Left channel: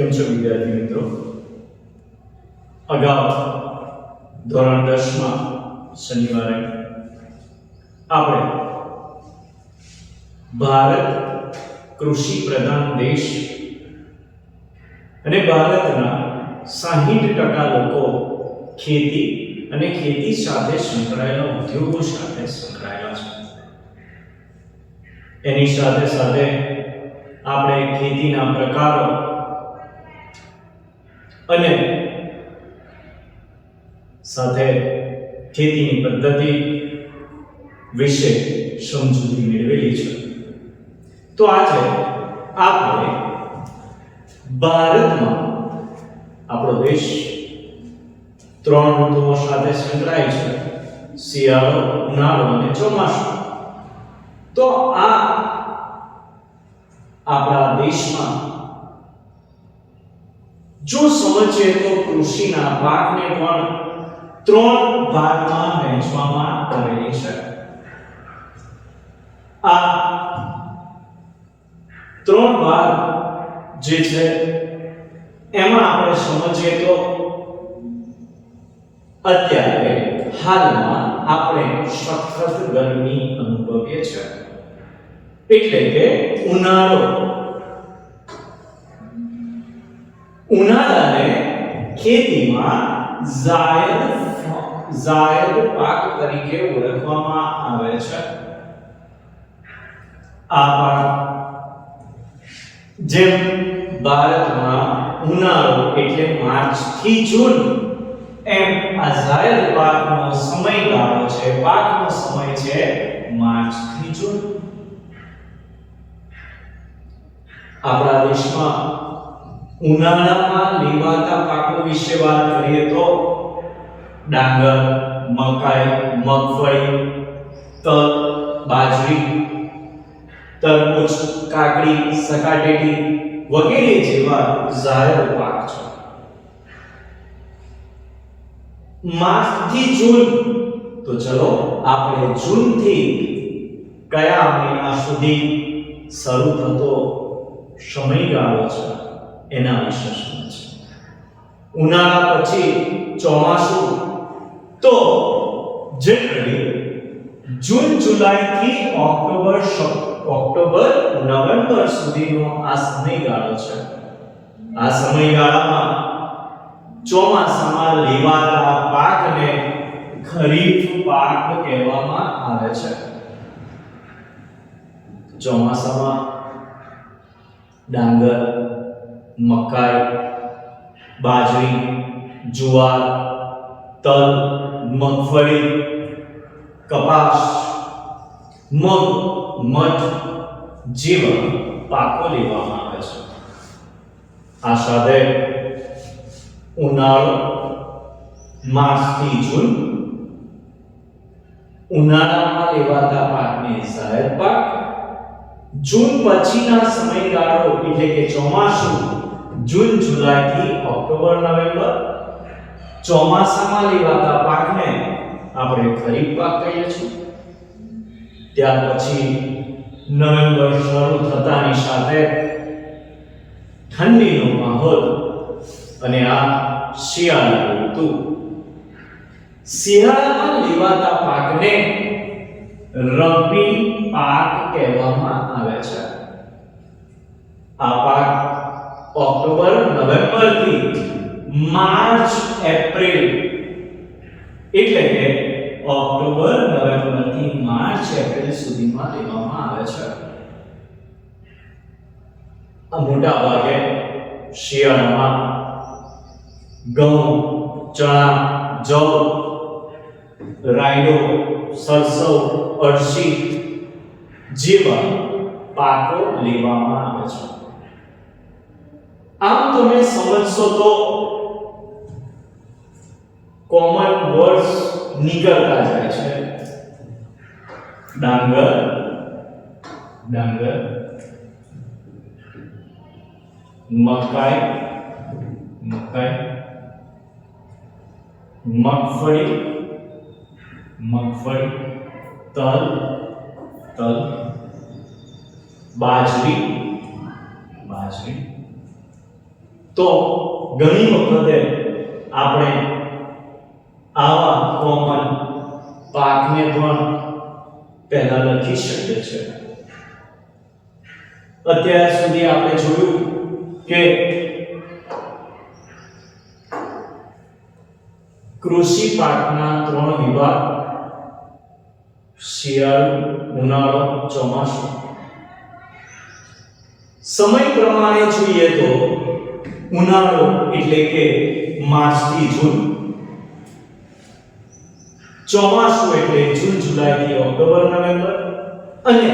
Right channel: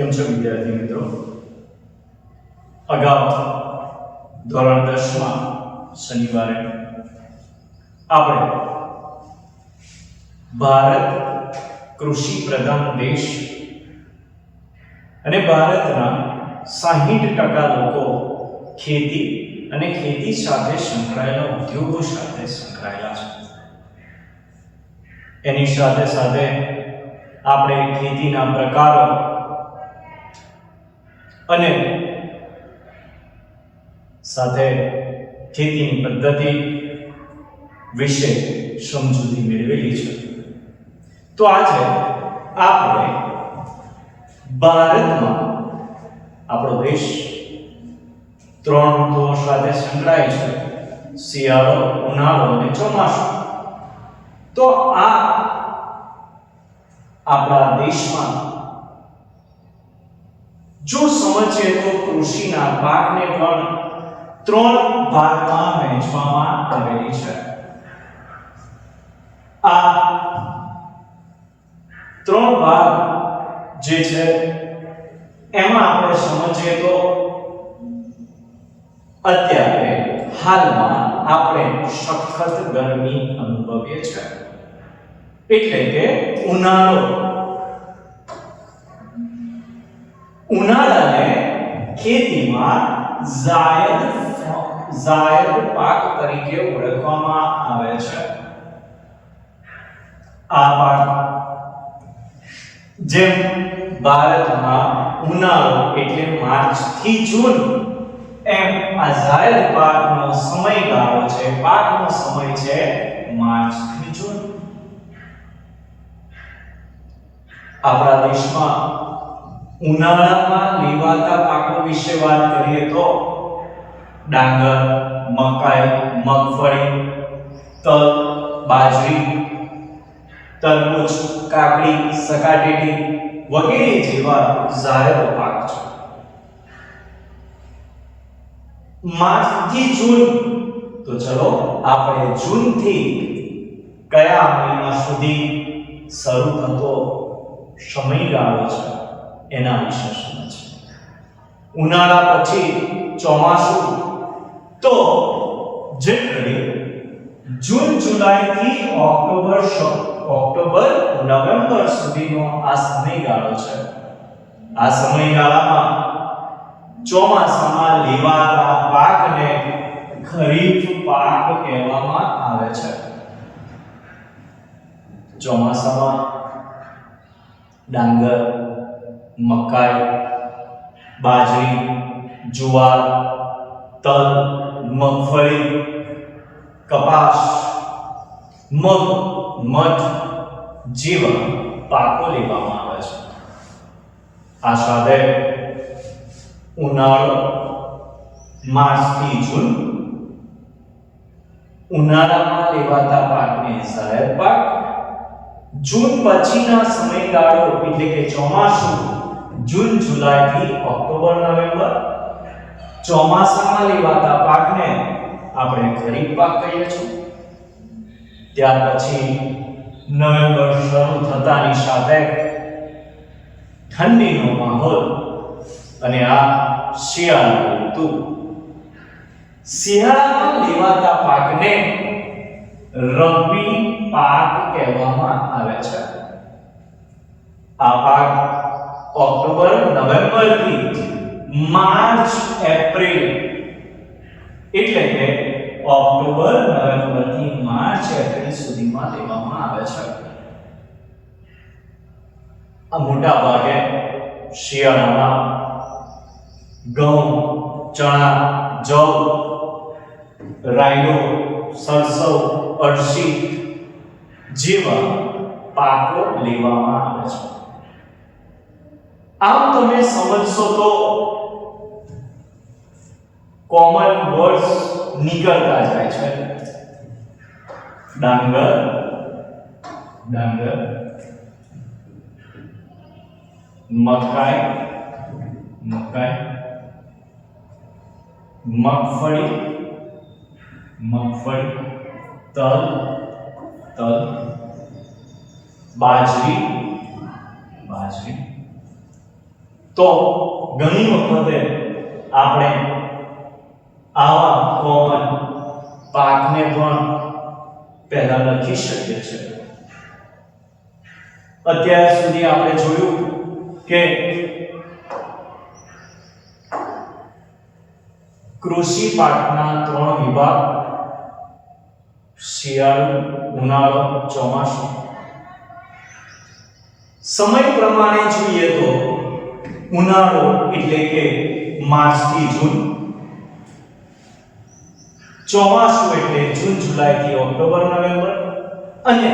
કેમ છો વિદ્યાર્થી મિત્રો? અગાઉ ધોરણ 10 માં શનિવારે આપણે ભારત કૃષિ પ્રધાન દેશ અને ભારતના 60% લોકો ખેતી અને ખેતી સાથે સંકળાયેલા ઉદ્યોગો સાથે સંકળાયેલા છે. એની સાથે સાથે આપણે ખેતીના પ્રકારો અને સાથે ખેતીની પદ્ધતિ વિશે સમજૂતી મેળવેલી છે. તો આજે આપણે ભારતમાં આપણો દેશ 3 ઋતુઓ સાથે સંકળાયેલ છે: શિયાળો, ઉનાળો અને ચોમાસું. તો આપણા દેશમાં જો સમજીએ તો કૃષિના પાકને પણ 3 ભાગમાં વહેંચવામાં આવેલી છે. આ 3 ભાગ જે છે એમાં આપણે સમજીએ તો અત્યારે હાલમાં આપણે સખત ગરમી અનુભવીએ છીએ, એટલે કે ઉનાળાને ખેતીમાં જાયદ પાક તરીકે ઓળખવામાં આવે છે. આ પાક જેમ ભારતમાં ઉનાળો એટલે માર્ચ થી જૂન, એમ આ જાયદ પાકનો સમયગાળો છે, પાકનો સમય છે માર્ચ થી જૂન. આપણા દેશમાં ઉનાળામાં લેવાતા પાકો વિશે વાત કરીએ તો ડાંગર, મકાઈ, મગફળી, તલ, બાજરી, તરબૂચ, કાકડી, સકાટેટી વગેરે જેવા જાહેર પાક છે. માર્ચ થી જૂન, તો ચલો આપણે જૂન થી કયા મહિના સુધી શરૂ થતો સમયગાળો છે એના વિશે સમજીએ. ઉનાળા પછી ચોમાસું, તો જનરલી જૂન જુલાઈ થી ઓક્ટોબર નવેમ્બર સુધીનો આ સમયગાળો છે. આ સમયગાળામાં ચોમાસામાં લેવાતા પાકને ખરીફ પાક કહેવામાં આવે છે. ચોમાસામાં ડાંગર, મકાઈ, બાજરી, જુવાર, તલ, મગફળી, કપાસ, મગ, મઠ જેવા પાકો લેવામાં આવે છે. આ સાથે ઉનાળો માર્ચ થી જૂન, ઉનાળામાં લેવાતા પાકને જાયદ પાક, જૂન પછીના સમયગાળો એટલે કે ચોમાસું જૂન જુલાઈ થી ઓક્ટોબર નવેમ્બર, ચોમાસામાં લેવાતા પાકને આપણે ખરીફ પાક કહીએ છીએ. ત્યાર પછી નવેમ્બર શરૂ થતાની સાથે ઠંડીનો માહોલ અને આ શિયાળાની ઋતુ. શિયાળામાં લેવાતા પાકને રબી પાક કહેવામાં આવે છે. આ પાક ઓક્ટોબર નવેમ્બર થી માર્ચ એપ્રિલ, એટલે કે ઓક્ટોબર નવેમ્બર થી માર્ચ એપ્રિલ સુધીમાં લેવામાં આવે છે. આ મોટા ભાગે શિયાળામાં ઘઉં, ચણા, જવ, રાયડો, સરસવ, અળસી જેવા પાકો લેવામાં આવે છે. આમ તમે સમજશો તો કોમન વર્ડ્સ નીકળતા જાય છે. ડાંગર, મકાઈ, મગફળી, તલ, બાજરી, તો ઘણી વખતે આપણે આવા કોમન પાકને પણ પહેલા લખી શકીએ છીએ. અત્યાર સુધી આપણે જોયું કે કૃષિ પાકના 3 વિભાગ: શિયાળુ, ઉનાળુ, ચોમાસું. સમય પ્રમાણે જોઈએ તો ઉનાળો એટલે કે માર્ચ થી જૂન, ચોમાસું એટલે જૂન જુલાઈ થી ઓક્ટોબર નવેમ્બર, અને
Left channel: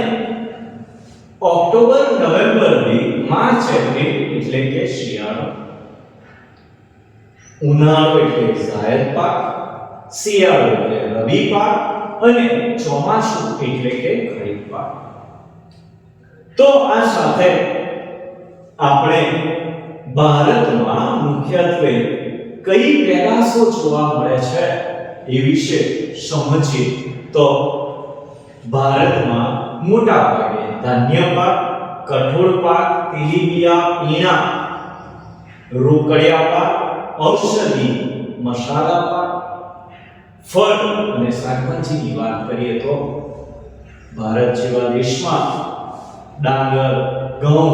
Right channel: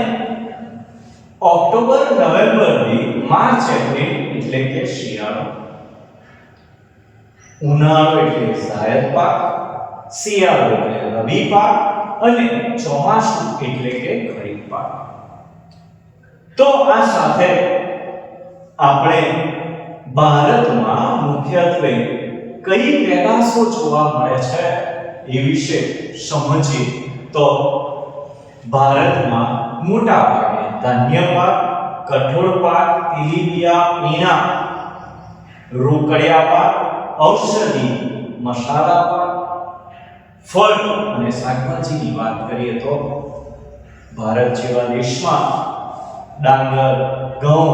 ઓક્ટોબર નવેમ્બર થી માર્ચ એપ્રિલ એટલે કે શિયાળો. ઉનાળો એટલે જાયદ પાક, શિયાળો એટલે રવિ પાક, અને ચોમાસું એટલે કે ખરીફ પાક. તો આ સાથે આપણે ભારતમાં મુખ્યત્વે કઈ પેદાશો જોવા મળે છે એ વિશે સમજીએ તો ભારતમાં મોટા ભાગે ધાન્ય પાક, કઠોળ પાક, તેલીબિયાં, પીણા, રોકડિયા પાક, ઔષધિ, મસાલા પાક, ફળ અને શાકભાજીની વાત કરીએ તો ભારત જેવા દેશમાં ડાંગર, ઘઉં,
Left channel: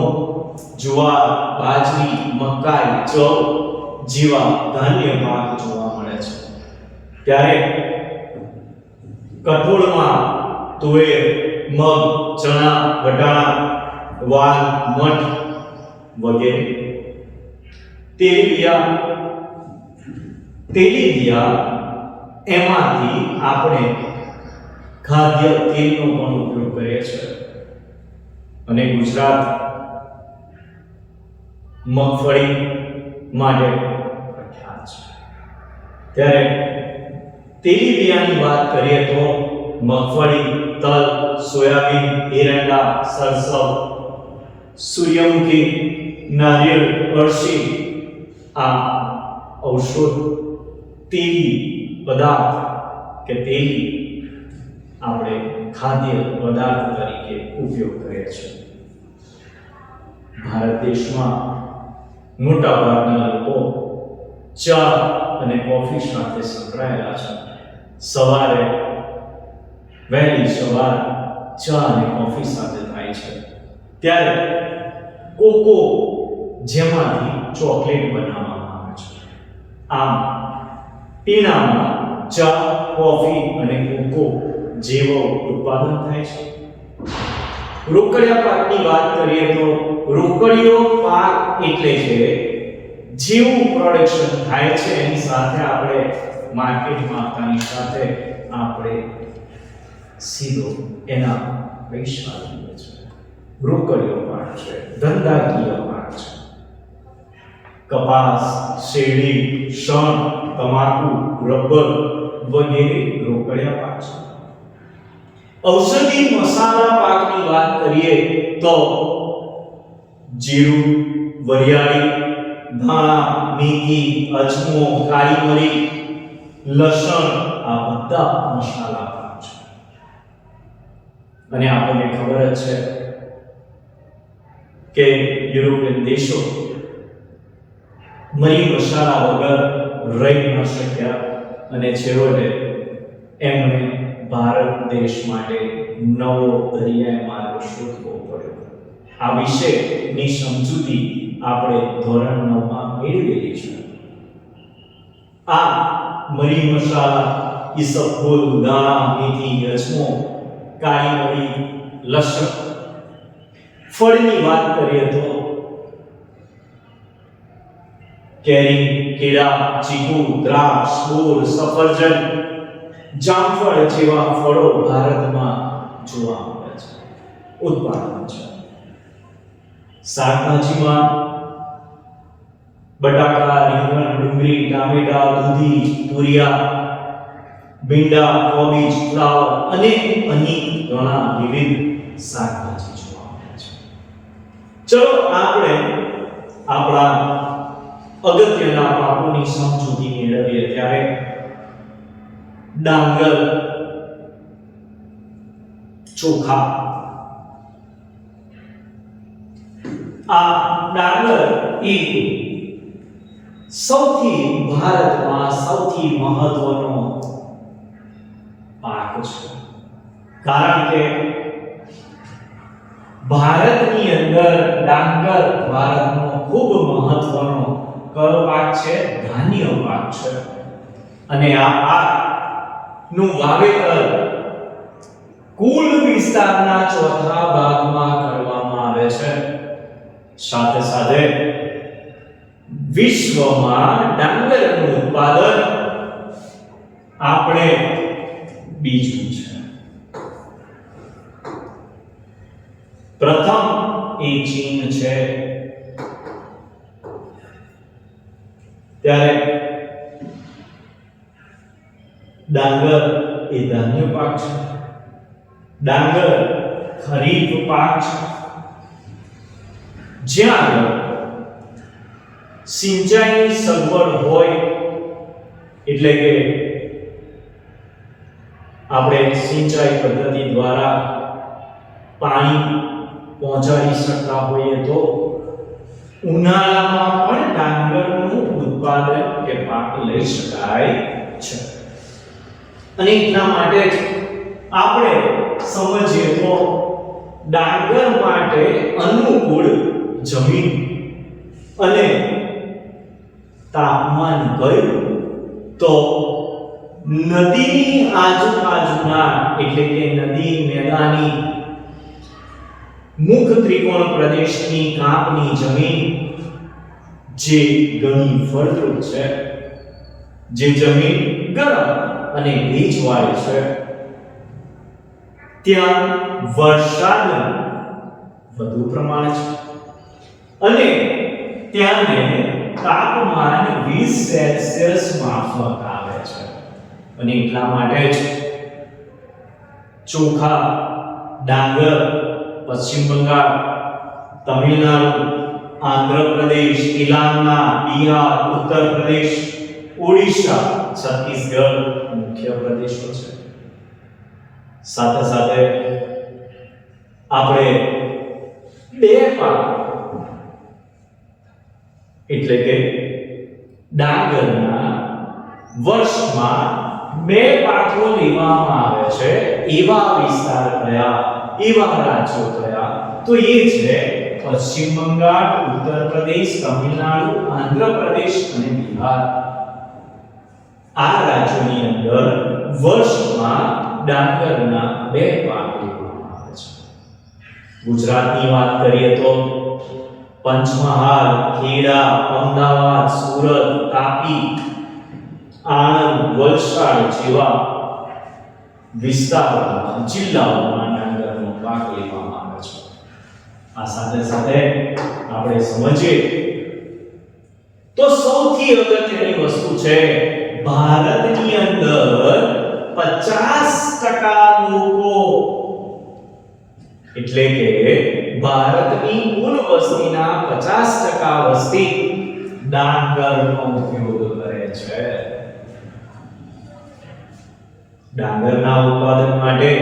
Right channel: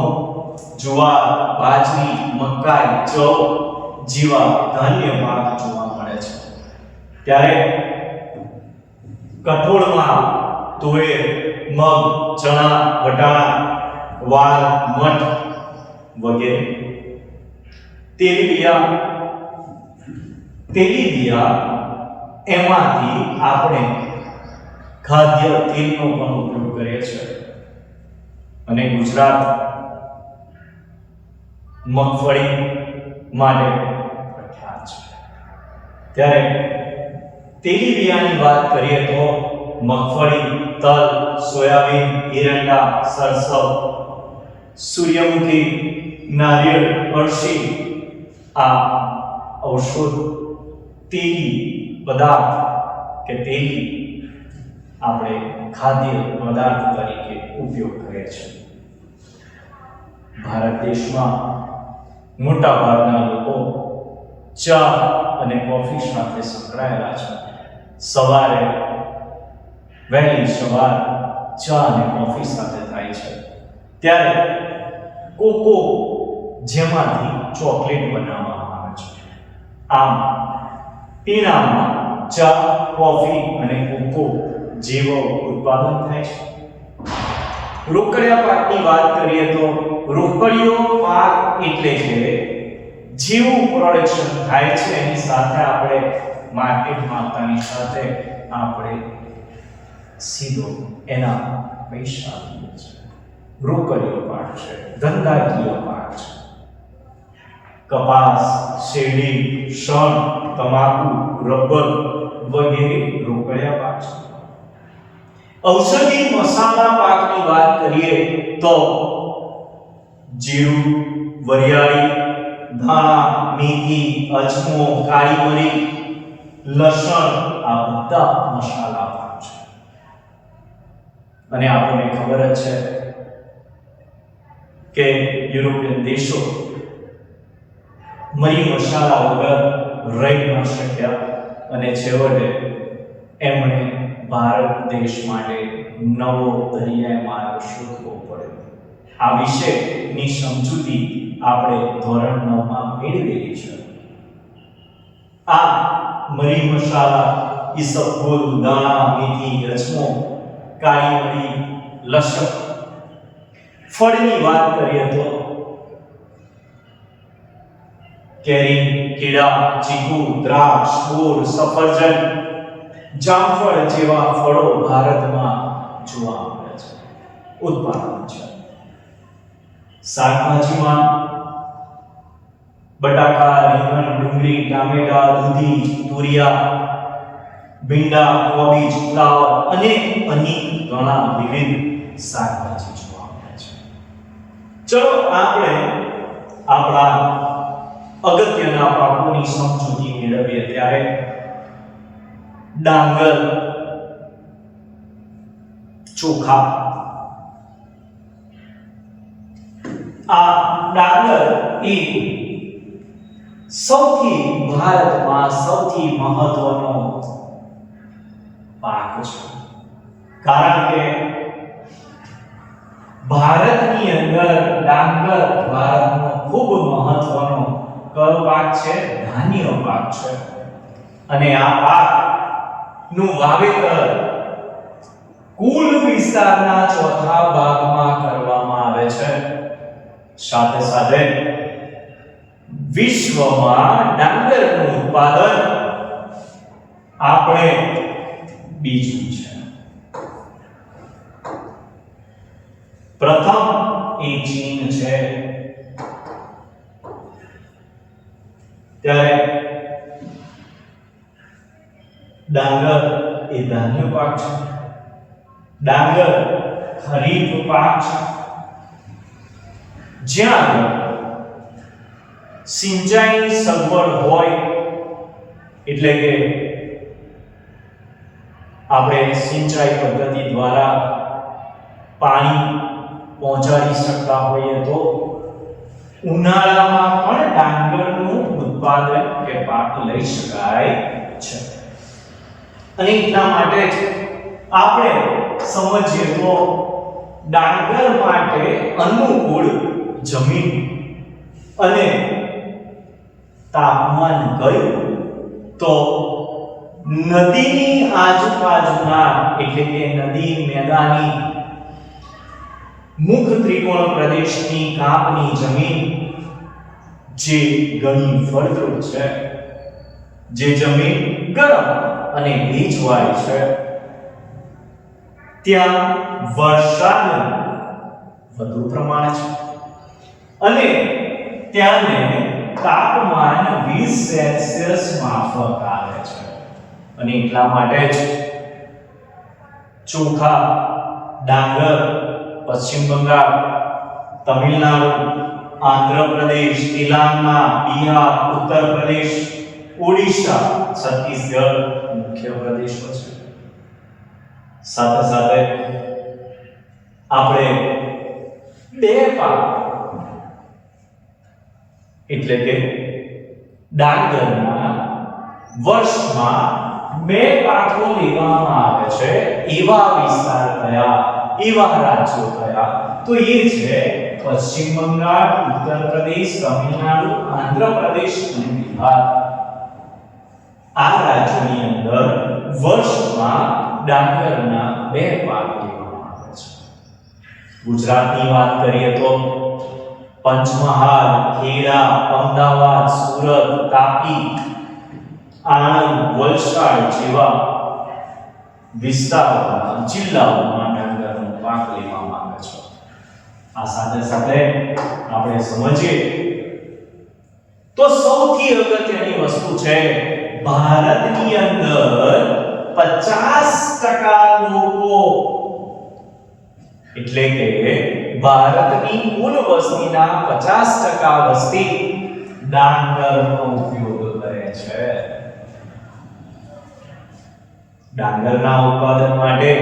જુવાર, બાજરી, મકાઈ, જવ જેવા ધાન્ય પાક જોવા મળે છે. ત્યારે કઠોળમાં તુવેર, મગ, ચણા, વટાણા, વાલ, મઠ વગેરે. તેલીબિયાં એમાંથી આપણે ખાદ્ય તેલનો પણ ઉપયોગ કરીએ છીએ. અને ગુજરાત મગફળી માટે પ્રખ્યાત છે. ત્યારે તેલીબિયાંની વાત કરીએ તો મગફળી, તલ, સોયાબીન, એરંડા, સરસવ, સૂર્યમુખી, નારિયેળ, અળસી આ ઔષધ તેલી પદાર્થ કે તેલી આપણે ખાદ્ય પદાર્થ તરીકે ઉપયોગ કરીએ છીએ. ભારત દેશમાં મોટા ભાગના લોકો ચા અને કોફી સાથે સંકળાયેલા છે. સવારે વહેલી સવાર ચા અને કોફી સાથે થાય છે. ત્યારે કોકો જેમાંથી ચોકલેટ બનાવવામાં આવે છે. આમ પીણામાં ચા, કોફી અને કોકો જેવો ઉત્પાદન થાય છે. રોકડિયા પાકની વાત કરીએ તો રોકડિયો પાક એટલે કે જેવું પ્રોડક્શન થાય છે એની સાથે આપણે માર્કેટમાં આવતાની સાથે આપણે સીધો એના પૈસા લઈએ છીએ. રોકડિયો પાક છે, ધંધાકીય પાક છે. કપાસ, શેરડી, શણ, તમાકુ, રબર વગેરે રોકડિયા પાક છે. ઔષધિ મસાલા પાકની વાત કરીએ તો જીરું, વરિયાળી, ધાણા, મેથી, અજમો, કાળી મરી, લસણ આ બધા મસાલા પાક છે. અને આપણને ખબર જ છે કે યુરોપિયન દેશો મરી મસાલા વગર રહી ન શક્યા અને છેવટે એમણે ભારત દેશ માટે નવો દરિયાઈ માર્ગ શોધવો પડ્યો. આ વિશેની સમજૂતી આપણે ધોરણ 9 માં મેળવેલી છે. આ મરી મસાલા, ઈસબગુલ, દાણા, મેથી, અજમો, કાળી મરી, લસણ. ફળની વાત કરીએ તો કેરી, કેળા, ચીકુ, દ્રાક્ષ, બોર, સફરજન, જામફળ જેવા ફળો ભારતમાં જોવા મળે છે, ઉત્પાદન છે. શાકભાજીમાં બટાકા, રીંગણ, ડુંગળી, ટામેટા, દૂધી, તુરિયા, ભીંડા, કોબીજ, ફ્લાવર અને અનેક ઘણા વિવિધ શાકભાજી જોવા મળે છે. ચલો આપણે આપણા અગત્યના પાકોની સમજૂતી મેળવીએ. ત્યારે ડાંગર, ચોખા. આ ડાંગર એ ભારતમાં સૌથી મહત્વનો પાક છે, કારણ કે ભારતની અંદર ડાંગર ભારતનો ખૂબ મહત્વનો કયો પાક છે? ધાન્ય પાક છે. અને આ પાકનું વાવેતર કુલ વિસ્તારના ચોથા ભાગમાં કરવામાં આવે છે. સાથે સાથે વિશ્વમાં ડાંગરનું ઉત્પાદન આપણે બીજું છે. પ્રથમ એ ચીન છે. ત્યારે ડાંગર એ ધાન્ય પાક છે. ડાંગર ખરીફ પાક છે. જ્યાં સિંચાઈની સગવડ હોય, એટલે કે આપણે સિંચાઈ પદ્ધતિ દ્વારા પાણી પહોંચાડી શકતા હોઈએ તો ઉનાળામાં પણ ડાંગરનું ઉત્પાદન કે પાક લઈ શકાય છે. અને એટલા માટે જ આપણે સમજીએ તો ડાંગર માટે અનુકૂળ જમીન અને તાપમાન કયું? તો નદીની આજુબાજુના, એટલે કે નદી મેદાની મુખ ત્રિકોણ પ્રદેશની કાપની જમીન જે ઘણી ફળદ્રુપ છે, જે જમીન ગરમ અને ભેજવાળી છે, ત્યાં વરસાદ વધુ પ્રમાણે છે અને ત્યાંને તાપમાન 20 સેલ્સિયસ માફક આવે છે. અને એટલા માટે જ ચોખા, ડાંગર પશ્ચિમ બંગાળ, તમિલનાડુ, આંધ્રપ્રદેશ, તેલંગાણા, બિહાર, ઉત્તર પ્રદેશ, ઓડિશા, છત્તીસગઢ મુખ્ય પ્રદેશો છે. સાથે સાથે આપણે બે પાક, એટલે કે ડાંગરના વર્ષમાં બે પાકો લેવામાં આવે છે એવા વિસ્તાર કયા, એવા રાજ્યો કયા? તો એ છે પશ્ચિમ બંગાળ, ઉત્તર પ્રદેશ, તમિલનાડુ, આંધ્રપ્રદેશ અને બિહાર. આ રાજ્યોની અંદર વર્ષમાં ડાંગરના બે પાક લેવામાં આવે છે. ગુજરાતની વાત કરીએ તો પંચમહાલ, ખેડા, અમદાવાદ, સુરત, તાપી, આણંદ, વલસાડ જેવા વિસ્તારોમાં, જિલ્લાઓમાં ડાંગરનો પાક લેવામાં આવે છે. આ સાથે સાથે આપણે સમજીએ તો સૌથી અગત્યની વસ્તુ છે, ભારતની અંદર 50% લોકો, એટલે કે ભારતની કુલ વસ્તીના 50% વસ્તી ડાંગરનો ઉપયોગ કરે છે. ડાંગરના ઉત્પાદન માટે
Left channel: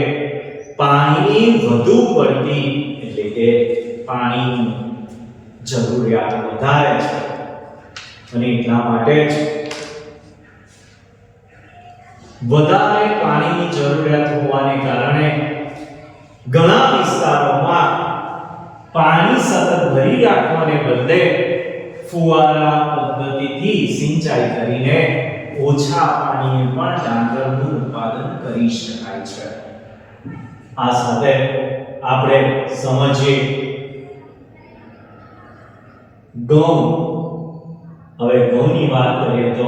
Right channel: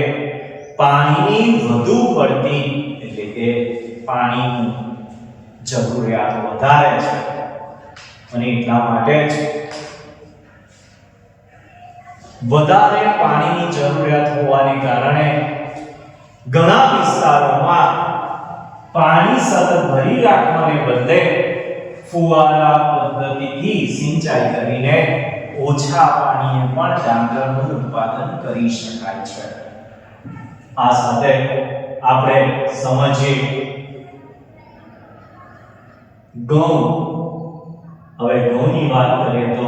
પાણીની વધુ પડતી, એટલે કે પાણીની જરૂરિયાત વધારે છે. અને એટલા માટે જ વધારે પાણીની જરૂરિયાત હોવાને કારણે ઘણા વિસ્તારોમાં પાણી સતત ભરી રાખવાને બદલે ફુવારા પદ્ધતિથી સિંચાઈ કરીને ઓછા પાણીએ પણ ડાંગરનું ઉત્પાદન કરી શકાય છે. આ સાથે આપણે સમજીએ ઘઉં. હવે ઘઉંની વાત કરીએ તો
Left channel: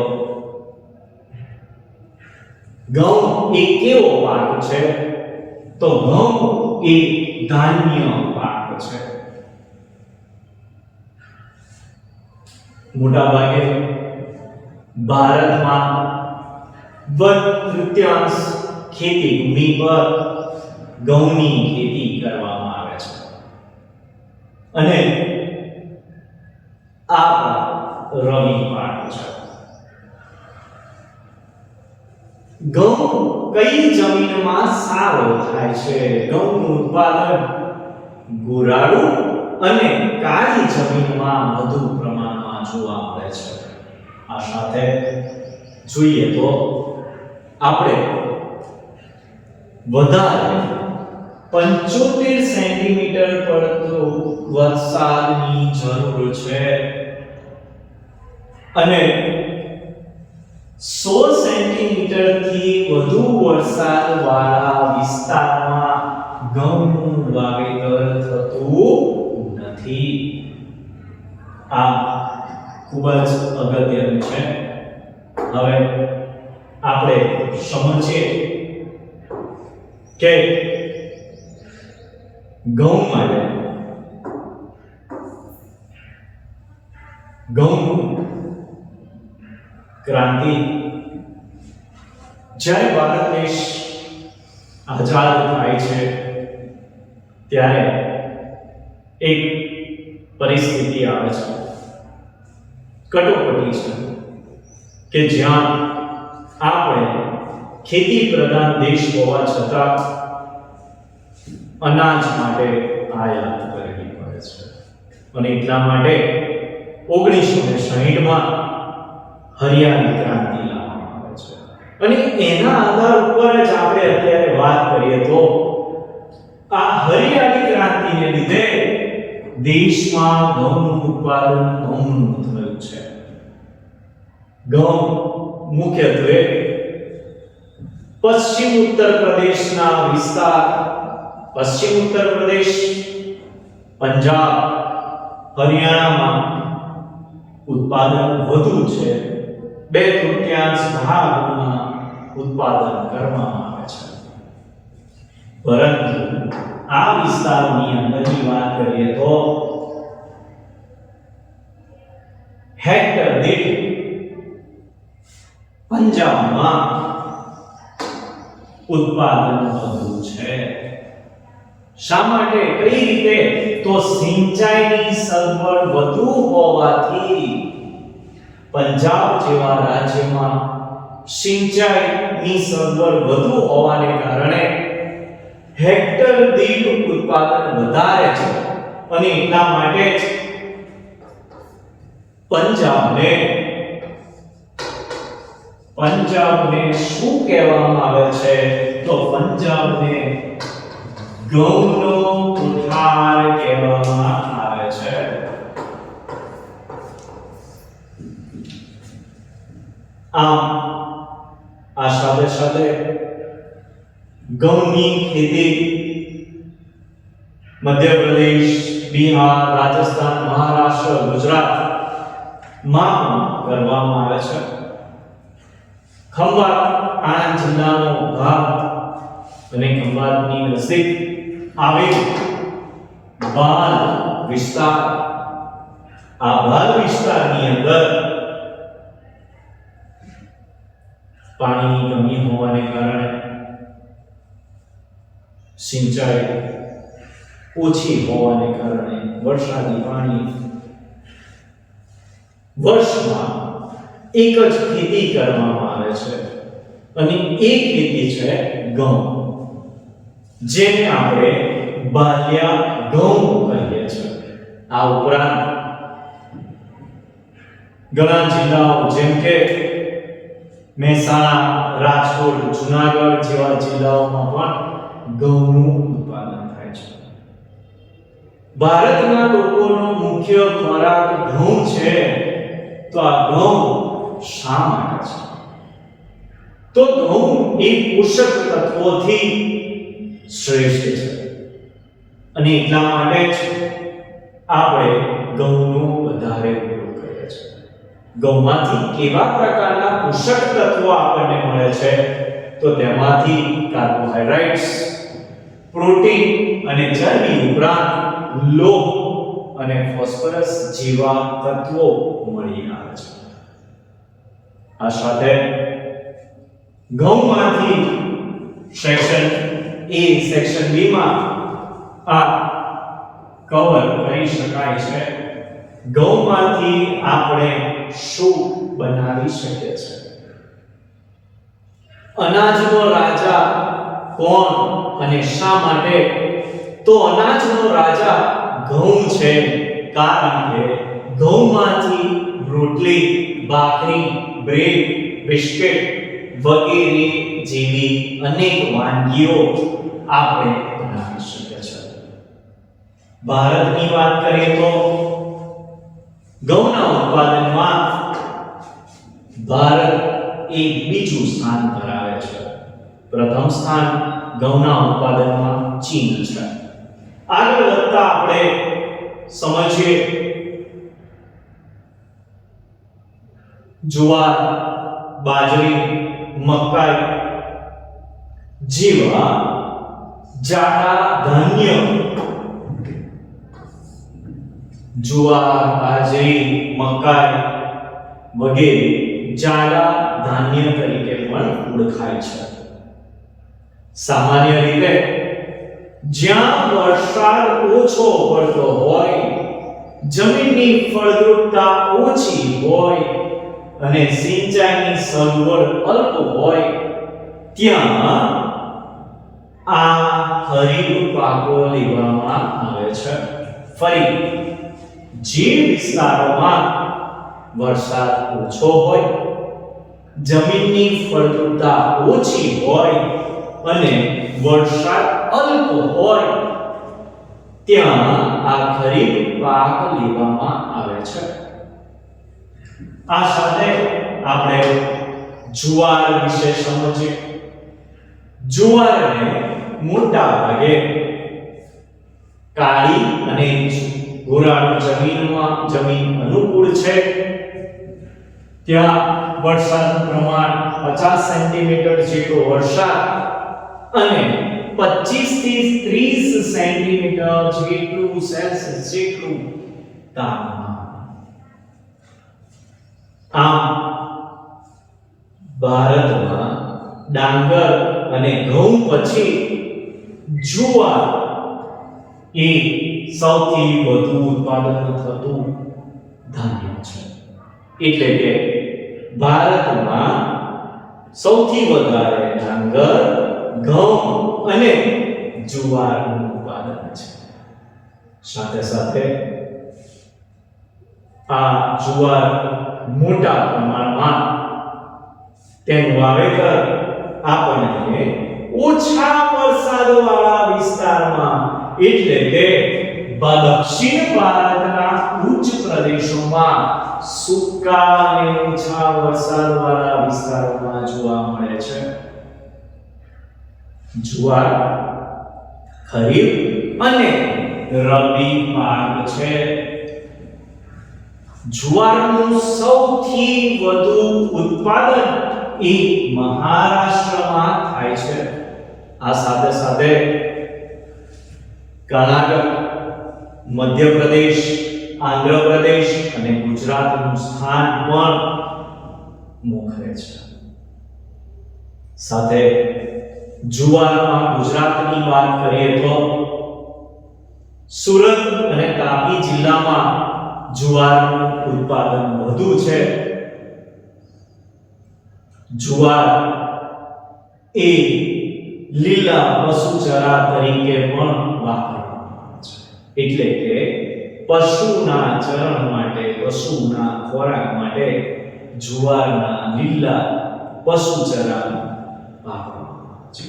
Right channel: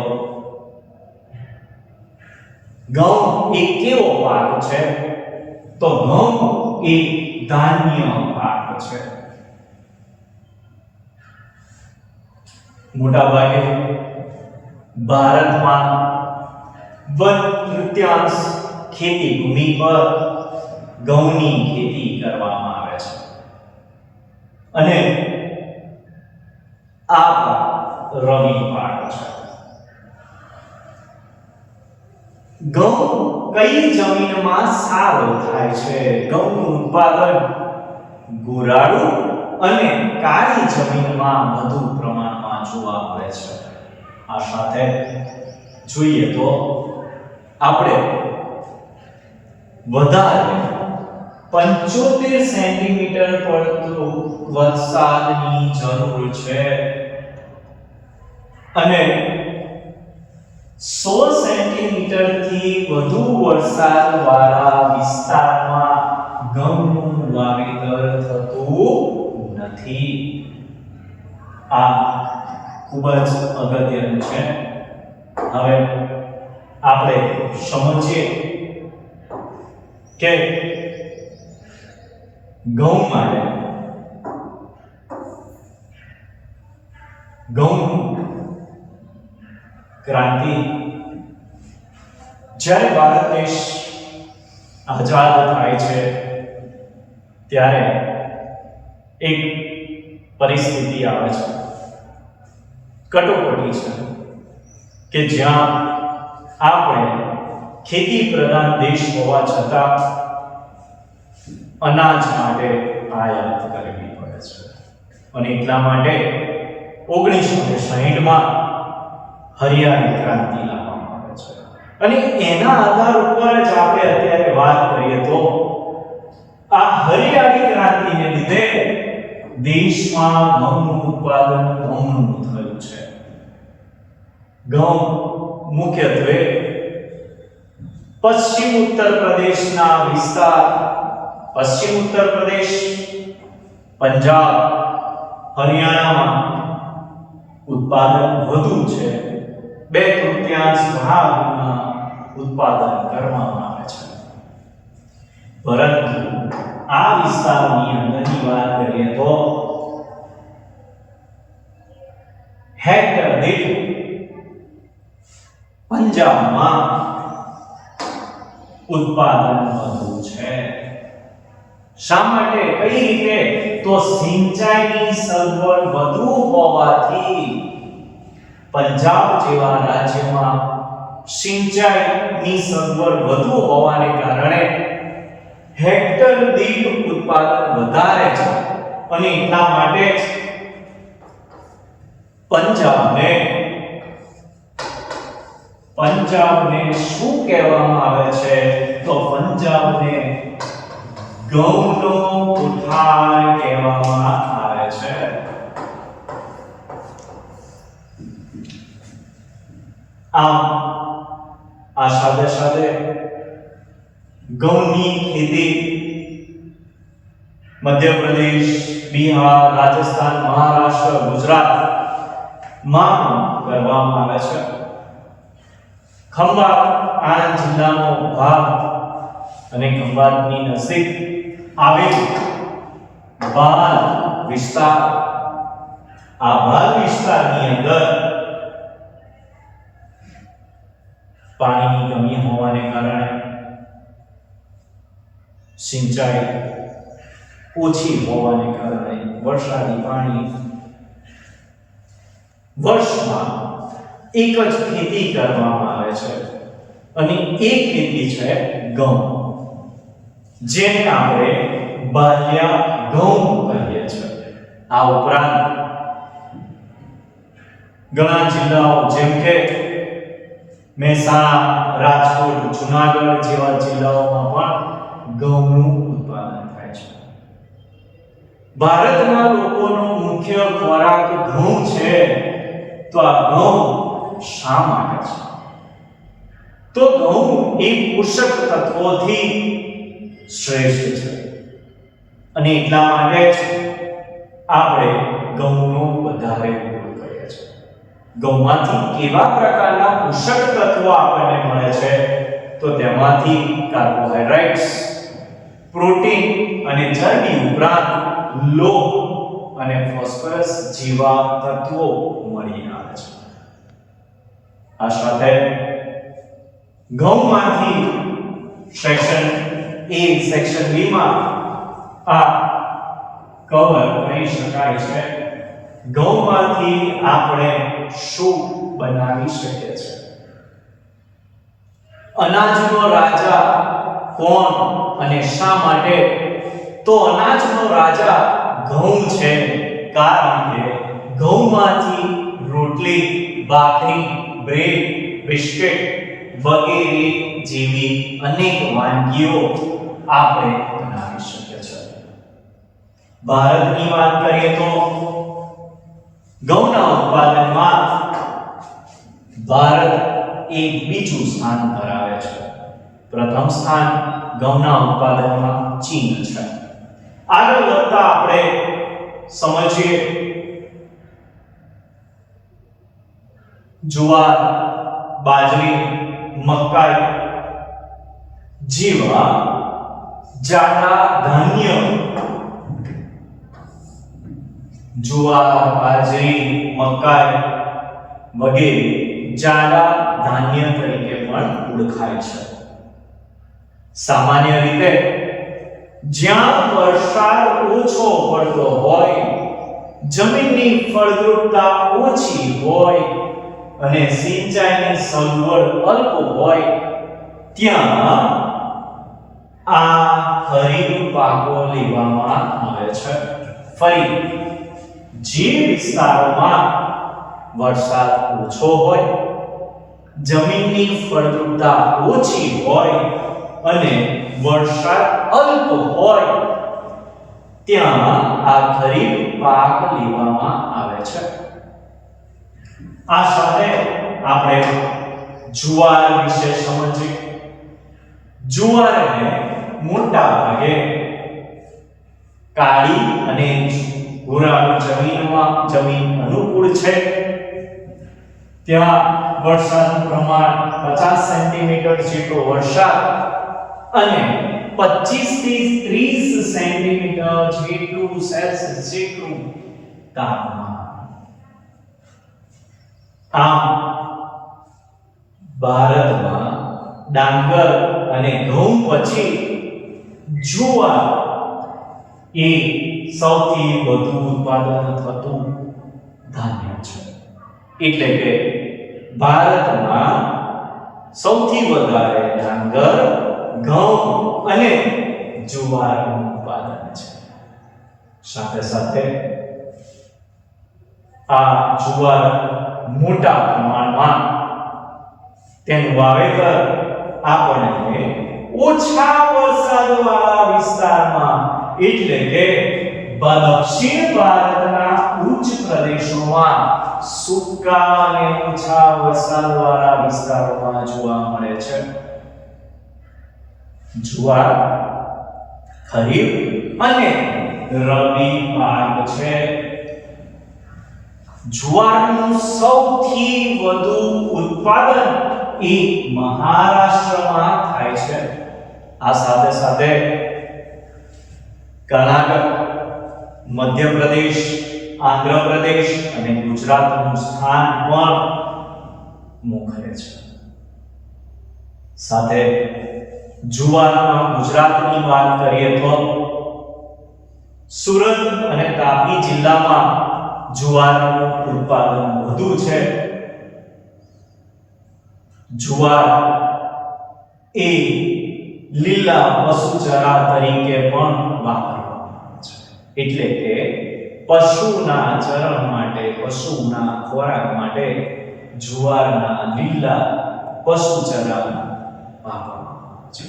ઘઉં એ કેવો પાક છે? તો ઘઉં એ ધાન્ય પાક છે. મોટા ભાગે ભારતમાં 1/3 ખેતી ભૂમિ પર ઘઉંની ખેતી કરવામાં આવે છે. અને આ પાક રવિ પાક છે. ઘઉં કઈ જમીનમાં સારો થાય છે? ઘઉંનું ઉત્પાદન ગોરાડુ અને કાળી જમીનમાં વધુ પ્રમાણમાં જોવા મળે છે. આ સાથે જોઈએ તો આપણે વધારે 75 સેન્ટીમીટર પડતો વરસાદની જરૂર છે અને 16 સેન્ટીમીટર થી વધુ વરસાદ વાળા વિસ્તારમાં ઘઉંનું વાવેતર થતું નથી. આ ખૂબ જ અગત્યનું છે. હવે આપણે સમજીએ કે ઘઉં માટે ઘઉં ક્રાંતિ જ્યારે ભારત દેશ આઝાદ થાય છે ત્યારે એક પરિસ્થિતિ આવે છે, કટોકટી છે કે જ્યાં આપણે ખેતી પ્રધાન દેશ હોવા છતાં અનાજ માટે આયાત કરવી પડે છે અને એટલા માટે 1960માં હરિયાળી ક્રાંતિ લાવવામાં આવે છે અને એના આધાર ઉપર જ આપણે અત્યારે વાત કરીએ તો આ હરિયાળી ક્રાંતિને લીધે દેશમાં ઘઉંનું ઉત્પાદન ઘણું થયું છે. ઘઉં મુખ્યત્વે પશ્ચિમ ઉત્તર પ્રદેશના વિસ્તાર, પશ્ચિમ ઉત્તર પ્રદેશ, પંજાબ, હરિયાણામાં ઉત્પાદન વધુ છે. 2/3 ભાગમાં ઉત્પાદન કરવામાં આવે છે. પરંતુ આ વિસ્તારોની અંદરની વાત કરીએ તો હેક્ટર દીઠ પંજાબમાં ઉત્પાદન વધુ છે. શા માટે? કઈ રીતે? તો સિંચાઈની સગવડ વધુ હોવાથી પંજાબ જેવા રાજ્યમાં સિંચાઈની સગવડ વધુ હોવાને કારણે હેક્ટર દીઠ ઉત્પાદન વધારે છે અને એટલા માટે જ પંજાબને શું કહેવામાં આવે છે? તો પંજાબને ઘઉંનો કોઠાર કહેવામાં આવે છે. આમ આ સાથે સાથે ઘઉંની ખેતી મધ્યપ્રદેશ, બિહાર, રાજસ્થાન, મહારાષ્ટ્ર, ગુજરાતમાં પણ કરવામાં આવે છે. ખંભાત આણંદ જિલ્લાનો ભાગ અને ખંભાતની નજીક આવેલ બાલ વિસ્તાર, આ બાલ વિસ્તારની અંદર પાણીની કમી હોવાને કારણે સિંચાઈ ઓછી હોવાને કારણે વરસાદી પાણી વર્ષમાં એક જ ખેતી કરવામાં આવે છે અને એ ખેતી છે ઘઉં, જેને આપણે બાલિયા ઘઉં કહીએ છીએ. આ ઉપરાંત ઘણા જિલ્લાઓ જેમ કે મહેસાણા, રાજકોટ, જુનાગઢ જેવા જિલ્લાઓમાં પણ ઘઉંનું ઉત્પાદન થાય છે. ભારતના લોકોનો મુખ્ય ખોરાક ઘઉં છે. તો આ ઘઉં શા માટે છે? તો ઘઉં એ પોષક તત્વોથી શ્રેષ્ઠ છે અને એટલા માટે જ આપણે ઘઉંનો વધારે ઉપયોગ કરીએ છીએ. ઘઉંમાંથી કેવા પ્રકારના પોષક તત્વો આપણને મળે છે? તો તેમાંથી કાર્બોહાઈડ્રેટ્સ, પ્રોટીન અને ચરબી ઉપરાંત લોહ અને ફોસ્ફરસ જેવા તત્વો મળી આવે છે. આ સાથે ઘઉંમાંથી સેક્શન A, સેક્શન B માં આ કવર કરી શકાય છે. ઘઉંમાંથી આપણે શું બનાવી શકીએ છીએ? અનાજનો રાજા કોણ અને શા માટે? તો અનાજનો રાજા ઘઉં છે, કારણ કે ઘઉંમાંથી રોટલી ભાખરી, બ્રેડ, બિસ્કિટ વગેરે જેવી અનેક વાનગીઓ આપણે બનાવી શકીએ છીએ. ભારતની વાત કરીએ તો ઘઉંના ઉત્પાદનમાં ભારત એક બીજું સ્થાન ધરાવે છે. પ્રથમ સ્થાન ઘઉંના ઉત્પાદનમાં ચીન છે. આગળ વધતા આપણે સમજીએ જુવાર, બાજરી, મકાઈ જેવા જાડા ધાન્ય, જુવાર, બાજરી, મકાઈ વગેરે જાડા ધાન્ય તરીકે પણ ઓળખાય છે. સામાન્ય રીતે જ્યાં વરસાદ ઓછો પડતો હોય, જમીનની ફળદ્રુપતા ઓછી હોય અને સિંચાઈની સગવડ અલ્પ હોય ત્યાં આ ખરીફ પાકો લેવામાં આવે છે. ફરી જે વિસ્તારોમાં વરસાદ ઓછો હોય, જમીનની ફળદ્રુપતા ઓછી હોય અને વરસાદ અલ્પ હોય ત્યાં આ ખરીફ પાક લેવામાં આવે છે. આ સાથે આપણે જુવાર વિશે સમજીએ. જુવારને મોટા ભાગે કાળી અને ભૂરાની જમીન અનુકૂળ છે. ત્યાં વરસાદનું પ્રમાણ 50 સેન્ટીમીટર જેટલો વરસાદ અને 25 થી 30 સેન્ટીમીટર જેટલું સેલ્સિયસ જેટલું તાપમાન. આમ ભારતમાં ડાંગર અને ઘઉં પછી જુવાર એ સૌથી વધુ ઉત્પાદન થતું ધાન્ય છે. એટલે કે ભારતમાં સૌથી વધારે ડાંગર, ઘઉં અને જુવારનું ઉત્પાદન છે. સાથે સાથે આ જુવાર મોટા પ્રમાણમાં તેનું વાવેતર આપણને ઓછા વરસાદવાળા વિસ્તારમાં એટલે કે દક્ષિણ ભારતના ઉચ્ચ પ્રદેશોમાં સૂકા અને ઓછા વરસાદવાળા વિસ્તારોમાં જોવા મળે છે. જુવાર ખરીફ અને રબી પાક છે. જુવારનું સૌથી વધુ ઉત્પાદન એ મહારાષ્ટ્રમાં થાય છે. આ સાથે સાથે કર્ણાટક, મધ્યપ્રદેશ, આંધ્રપ્રદેશ અને ગુજરાતનું સ્થાન પણ મોખરે છે. સાથે જુવારમાં ગુજરાતની વાત કરીએ તો સુરત અને તાપી જિલ્લામાં જુવારનું ઉત્પાદન વધુ છે. જુવાર એ લીલા પશુચારા તરીકે પણ વાપરવામાં આવે છે. એટલે કે પશુના ચરણ માટે, પશુના ખોરાક માટે જુવારના લીલા પશુચારા વાપરવામાં આવે છે.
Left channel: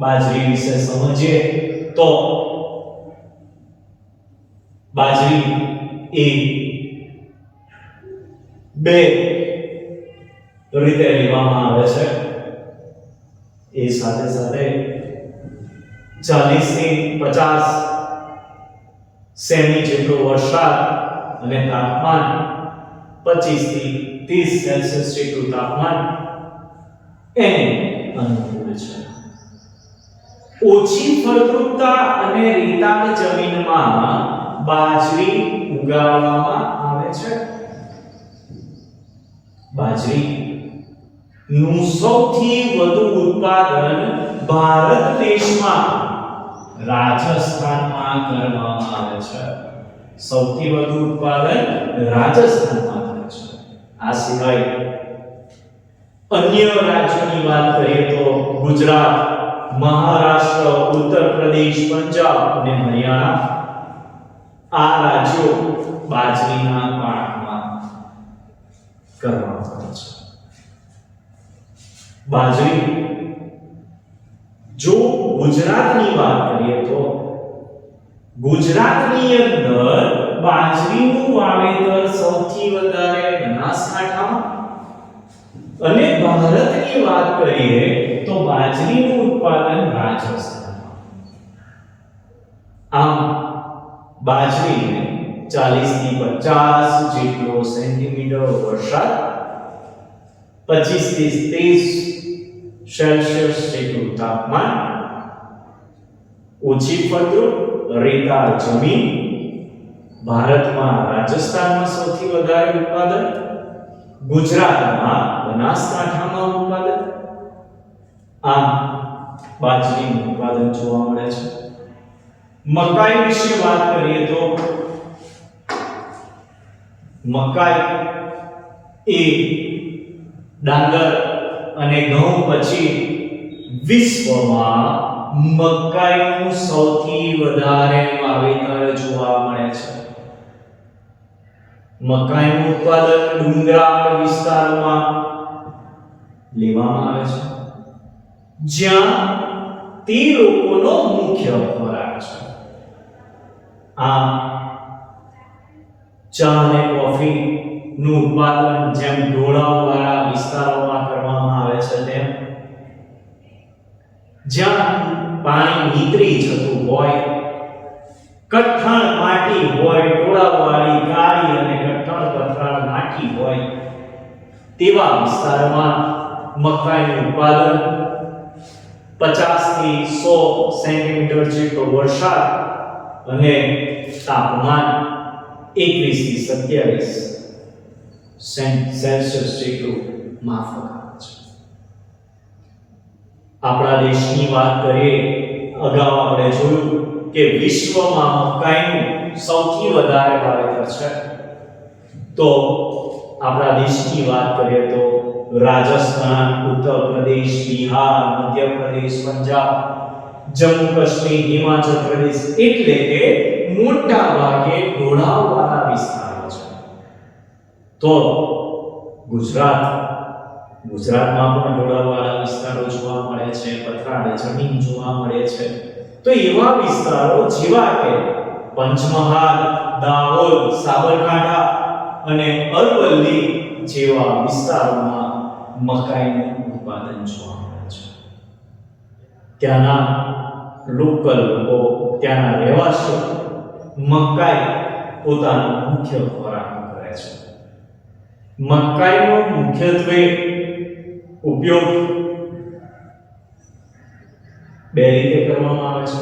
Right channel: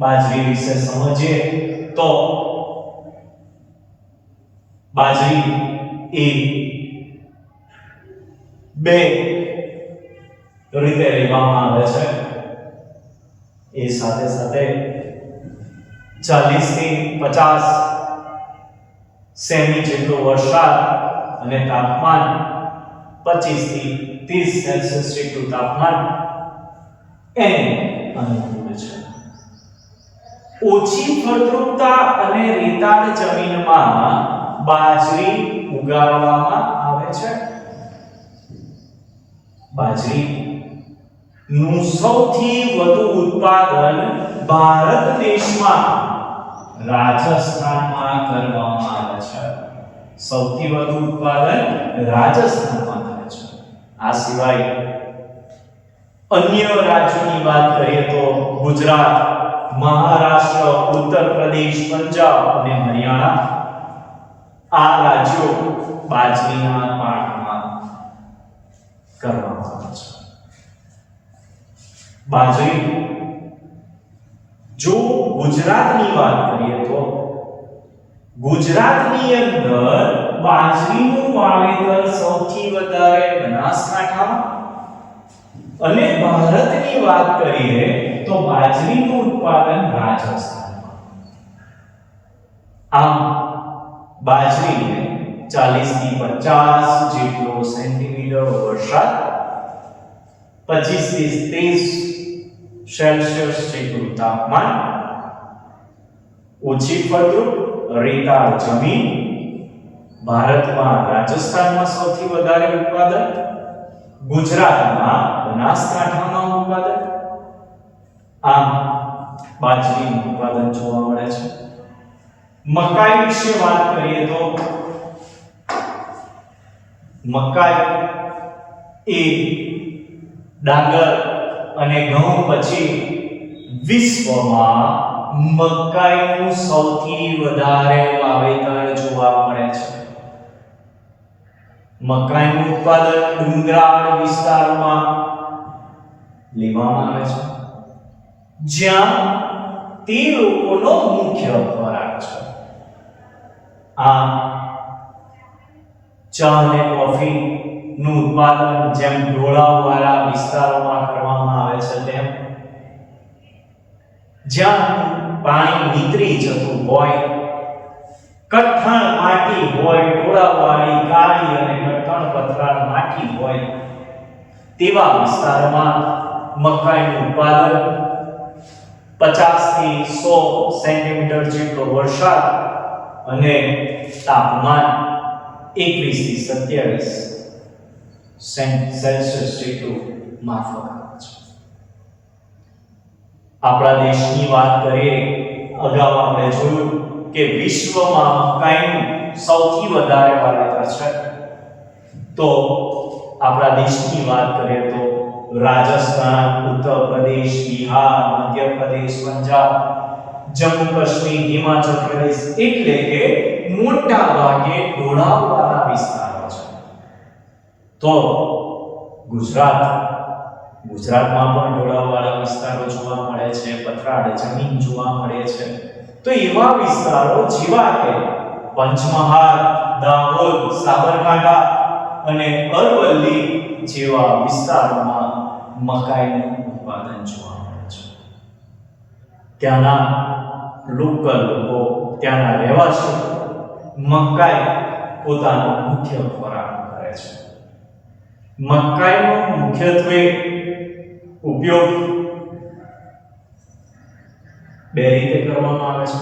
બાજરી વિશે સમજીએ તો બાજરી એ બે રીતે લેવામાં આવે છે. એ સાથે સાથે 40 થી 50 સેમી જેટલો વરસાદ અને તાપમાન 25 થી 30 સેલ્સિયસ જેટલું તાપમાન એને અનુકૂળ છે. ઓછી ફળદ્રુપતા અને રેતાળ જમીનમાં બાજરી ઉગાડવામાં આવે છે. બાજરી નું સૌથી વધુ ઉત્પાદન ભારત દેશમાં રાજસ્થાનમાં કરવામાં આવે છે. સૌથી વધુ ઉત્પાદન રાજસ્થાનમાં થાય છે. આ સિવાય અન્ય રાજ્યોની વાત કરીએ તો ગુજરાત, મહારાષ્ટ્ર, ઉત્તર પ્રદેશ, પંજાબ અને હરિયાણા આ રાજ્યો બાજરીના પાકમાં કરવામાં આવે છે. બાજરી, જો ગુજરાતની વાત કરીએ તો ગુજરાતની અંદર બાજરીનું વાવેતર સૌથી વધારે બનાસકાંઠામાં અને ભારતની વાત કરીએ તો બાજરીનું ઉત્પાદન રાજસ્થાનમાં. આમ બાજરીને 40 થી 50 જેટલો સેન્ટીમીટર વરસાદ, 25 થી 30 સેલ્સિયસ જેટલું તાપમાન, ઓછી ફળદ્રુપ રેતાળ જમીન, ભારતમાં રાજસ્થાનમાં સૌથી વધારે ઉત્પાદન, ગુજરાતમાં બનાસકાંઠામાં ઉત્પાદન. આમ બાજરીનું ઉત્પાદન જોવા મળે છે. મકાઈ વિશે વાત કરીએ તો મકાઈ એ ડાંગર અને ઘઉં પછી વિશ્વમાં મકાઈનું સૌથી વધારે વાવેતર જોવા મળે છે. મકાઈનું ઉત્પાદન ડુંગરાળ વિસ્તારોમાં લેવામાં આવે છે, જ્યાં તે લોકોનો મુખ્ય ખોરાક છે. આમ ચા અને કોફી નું ઉત્પાદન જેમ ઢોળાવવાળા વિસ્તારોમાં કરવામાં આવે છે, તેમ જ્યાં પાણી નીતરી જતું હોય, કઠણ માટી હોય, ઢોળાવવાળી કાળી અને કઠણ પથરાળ માટી હોય, તેવા વિસ્તારોમાં મકાઈનું ઉત્પાદન 50 થી 100 સેન્ટીમીટર જેટલો વરસાદ અને તાપમાન 21 થી 27 સેલ્સિયસ જેટલું માફક આવે છે. આપણા દેશની વાત કરીએ, અગાઉ આપણે જોયું કે વિશ્વમાં મકાઈનું સૌથી વધારે વાવેતર છે. તો આપણા દેશની વાત કરીએ તો રાજસ્થાન, ઉત્તર પ્રદેશ, બિહાર, મધ્ય પ્રદેશ, પંજાબ, જમ્મુ કાશ્મીર, હિમાચલ પ્રદેશ એટલે કે મોટા ભાગે ઢોળાવવાળા વિસ્તારો છે. તો ગુજરાતમાં પણ ઢોળાવવાળા વિસ્તારો જોવા મળે છે, પથરાળ જમીન જોવા મળે છે. તો એવા વિસ્તારો જેવા કે પંચમહાલ, દાહોદ, સાબરકાંઠા અને અરવલ્લી જેવા વિસ્તારોમાં મકાઈનું ઉત્પાદન જોવા મળે છે. ત્યાંના લોકલ લોકો, ત્યાંના રહેવાસીઓ મકાઈ પોતાનો મુખ્ય ખોરાક કરે છે. મકાઈનો મુખ્યત્વે ઉપયોગ બે રીતે કરવામાં આવે છે.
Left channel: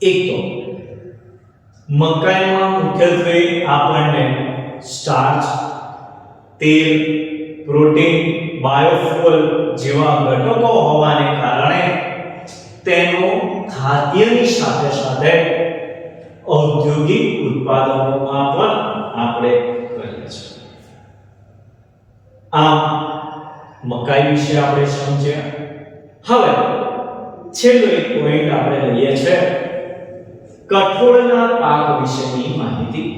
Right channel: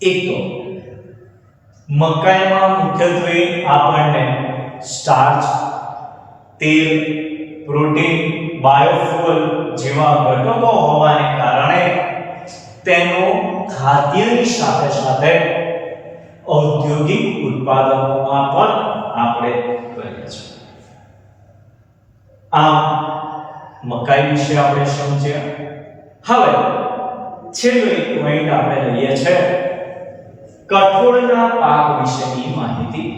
એક તો મકાઈમાં મુખ્યત્વે આપણને સ્ટાર્ચ, તેલ, પ્રોટીન, બાયોફ્યુઅલ જેવા ઘટકો હોવાને કારણે તેનો ખાદ્યની સાથે સાથે ઔદ્યોગિક ઉત્પાદનોમાં પણ આપણે કરીએ છીએ. આમ મકાઈ વિશે આપણે સમજ્યા. હવે છેલ્લો એક પોઈન્ટ આપણે લઈએ છે કઠોળના પાક વિશેની માહિતી.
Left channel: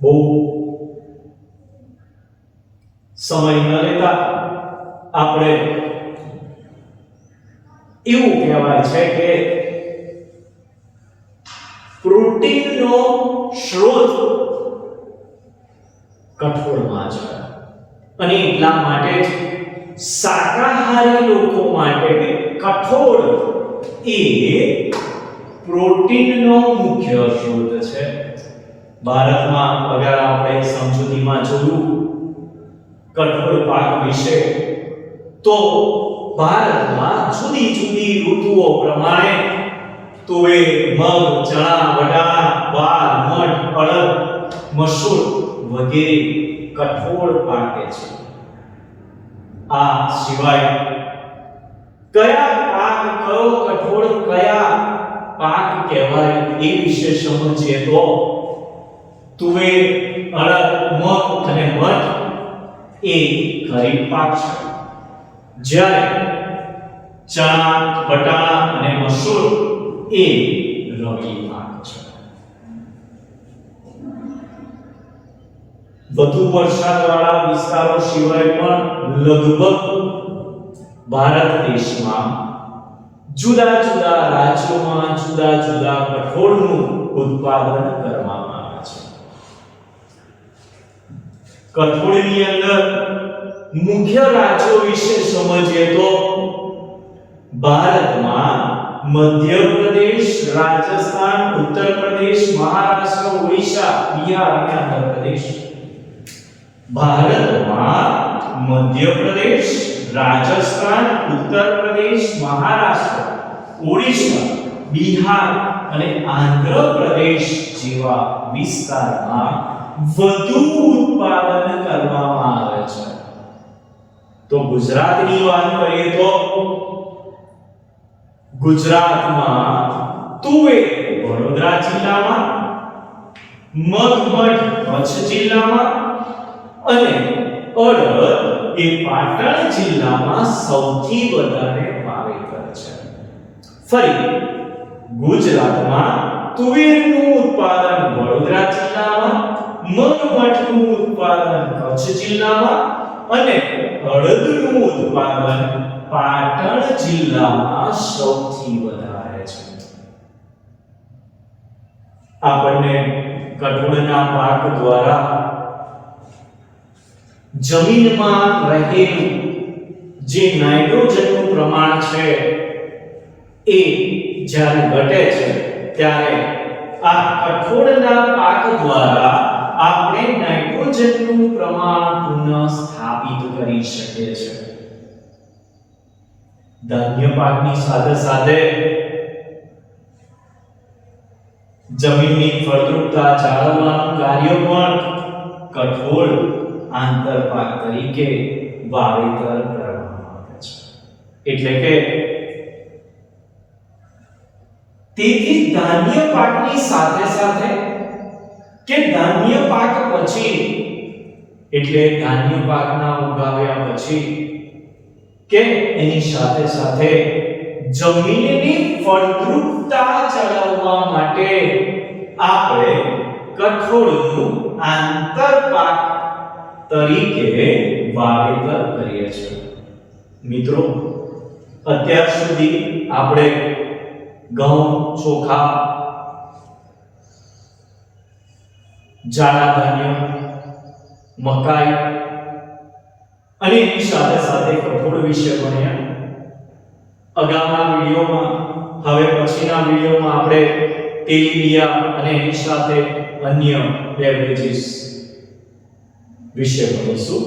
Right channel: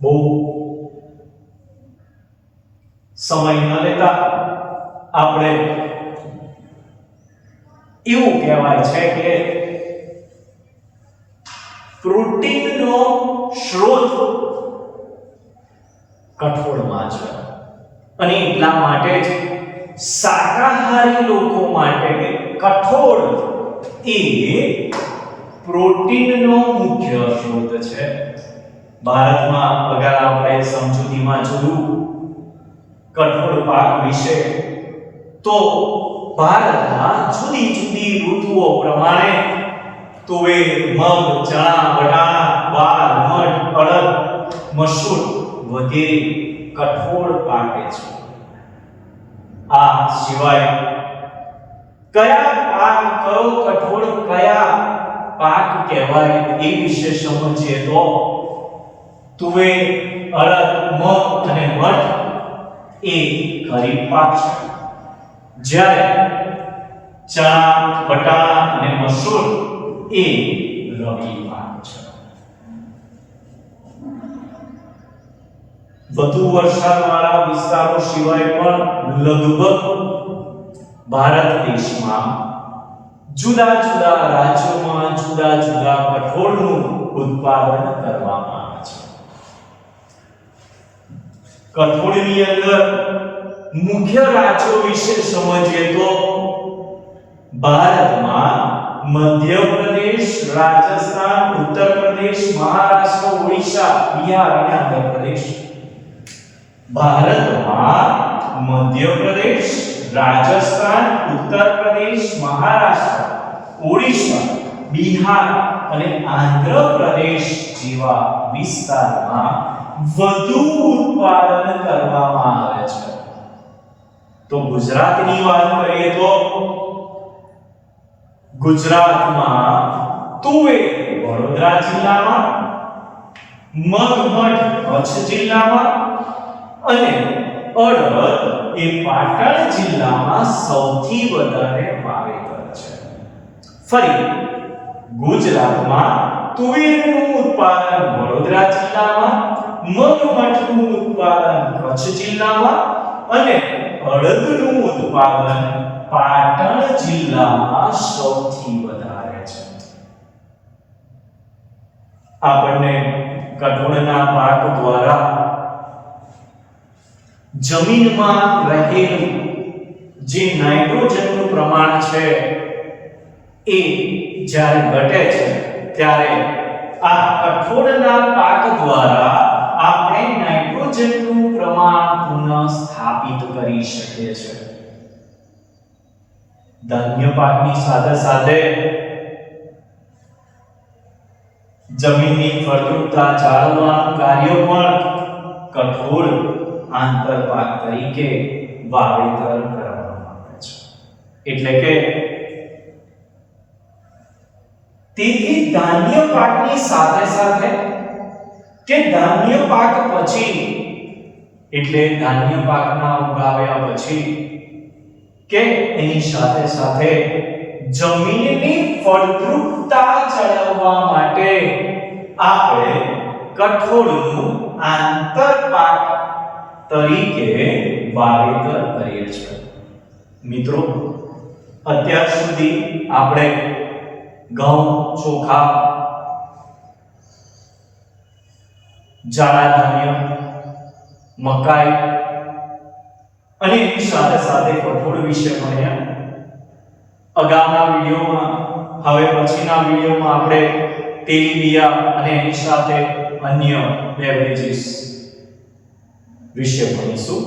બહુ સમય ન લેતા આપણે એવું કહેવાય છે કે પ્રોટીનનો સ્ત્રોત કઠોળમાં છે અને એટલા માટે જ શાકાહારી લોકો માટે કઠોળ એ પ્રોટીનનો મુખ્ય સ્ત્રોત છે. ભારતમાં અગાઉ આપણે સમજૂતીમાં જોયું કઠોળ પાક વિશે, તો ભારતમાં જુદી જુદી ઋતુઓ પ્રમાણે તુવેર, મગ, ચણા, વટાણા, વાલ, મઠ, અડદ, મસૂર વગેરે કઠોળ પાકે છે. આ સિવાય કયા પાક, કયો કઠોળ કયા પાક કહેવાય એ વિશે સમજીએ તો તુવેર, અડદ, મગ અને મઠ એ ખરીફ પાક છે, જ્યારે ચણા, વટાણા અને મસૂર એ રવિ પાક છે. વધુ વરસાદવાળા વિસ્તારો સિવાય પણ લગભગ ભારત દેશમાં જુદા જુદા રાજ્યોમાં જુદા જુદા કઠોળનું ઉત્પાદન કરવામાં આવે છે. કઠોળની અંદર મુખ્ય રાજ્યો વિશે સમજીએ તો ભારતમાં મધ્યપ્રદેશ, રાજસ્થાન, ઉત્તર પ્રદેશ, મહારાષ્ટ્ર, ઓડિશા, બિહાર અને આંધ્ર પ્રદેશ. ભારતમાં મધ્યપ્રદેશ, રાજસ્થાન, ઉત્તર પ્રદેશ, મહારાષ્ટ્ર, ઓડિશા, બિહાર અને આંધ્ર પ્રદેશ જેવા વિસ્તારમાં વધુ ઉત્પાદન કરવામાં આવે છે. તો ગુજરાતની વાત કરીએ તો ગુજરાતમાં તુવેર વડોદરા જિલ્લામાં, મગમઠ કચ્છ જિલ્લામાં અને અડદ એ પાટણ જિલ્લામાં સૌથી વધારે વાવેતર છે. ફરી ગુજરાતમાં તુવેરનું ઉત્પાદન વડોદરા જિલ્લામાં, મગમઠનું ઉત્પાદન કચ્છ જિલ્લામાં અને અડદનું ઉત્પાદન પાટણ જિલ્લામાં સૌથી વધારે છે. આપણને કઠોળના પાક દ્વારા જમીનમાં રહેલું જે નાઇટ્રોજનનું પ્રમાણ છે એ જ્યારે ઘટે છે ત્યારે આ કઠોળના પાક દ્વારા આપણે નાઇટ્રોજનનું પ્રમાણ પુનઃસ્થાપિત કરી શકીએ છીએ. ધાન્ય પાકની સાથે સાથે જમીનની ફળદ્રુપતા જાળવવાનું કાર્ય પણ કઠોળ આંતરપાક તરીકે વાવેતર કરવામાં આવે છે. એટલે કે તેથી ધાન્ય પાકની સાથે સાથે કે ધાન્ય પાક પછી એટલે ધાન્ય પાકના ઉગાવ્યા પછી કે એની સાથે સાથે જમીનની ફળદ્રુપતા જાળવવા માટે આપણે કઠોળનું આંતરપાક તરીકે વાવેતર કરીએ છીએ. મિત્રો, અત્યાર સુધી આપણે ઘઉં, ચોખા, જાડા ધાન્ય, મકાઈ અને એની સાથે સાથે કઠોળ વિશે ભણ્યા. અગાઉના વિડીયોમાં, હવે પછીના વિડીયોમાં આપણે તેલીબિયા અને એની સાથે અન્ય બેવરેજીસ વિશે ભણીશું.